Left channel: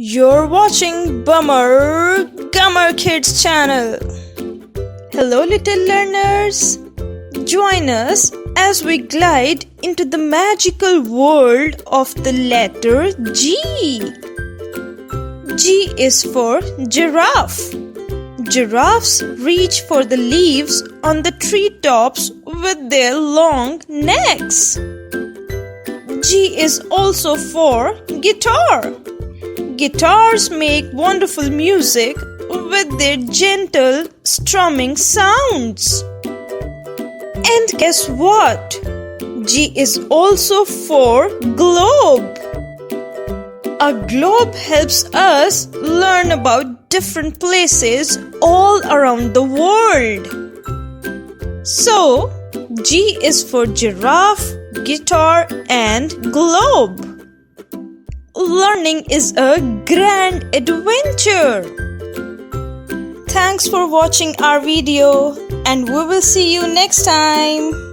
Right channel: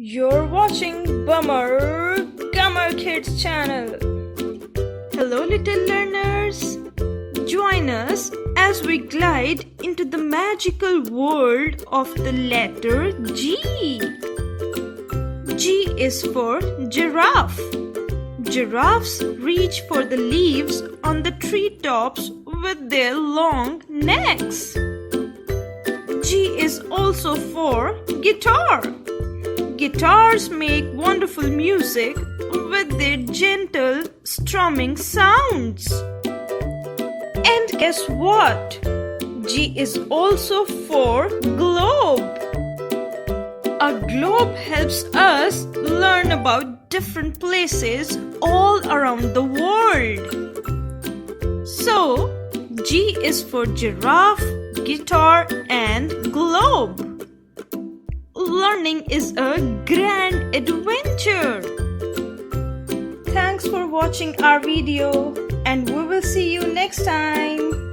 You're watching Bummer Gummer Kids channel. Hello little learners. Join us as we glide into the magical world of the letter G. G is for giraffe. Giraffes reach for the leaves on the treetops with their long necks. G is also for guitar. Guitars make wonderful music with their gentle strumming sounds. And guess what? G is also for globe. A globe helps us learn about different places all around the world. So, G is for giraffe, guitar, and globe. Learning is a grand adventure. Thanks for watching our video, and we will see you next time.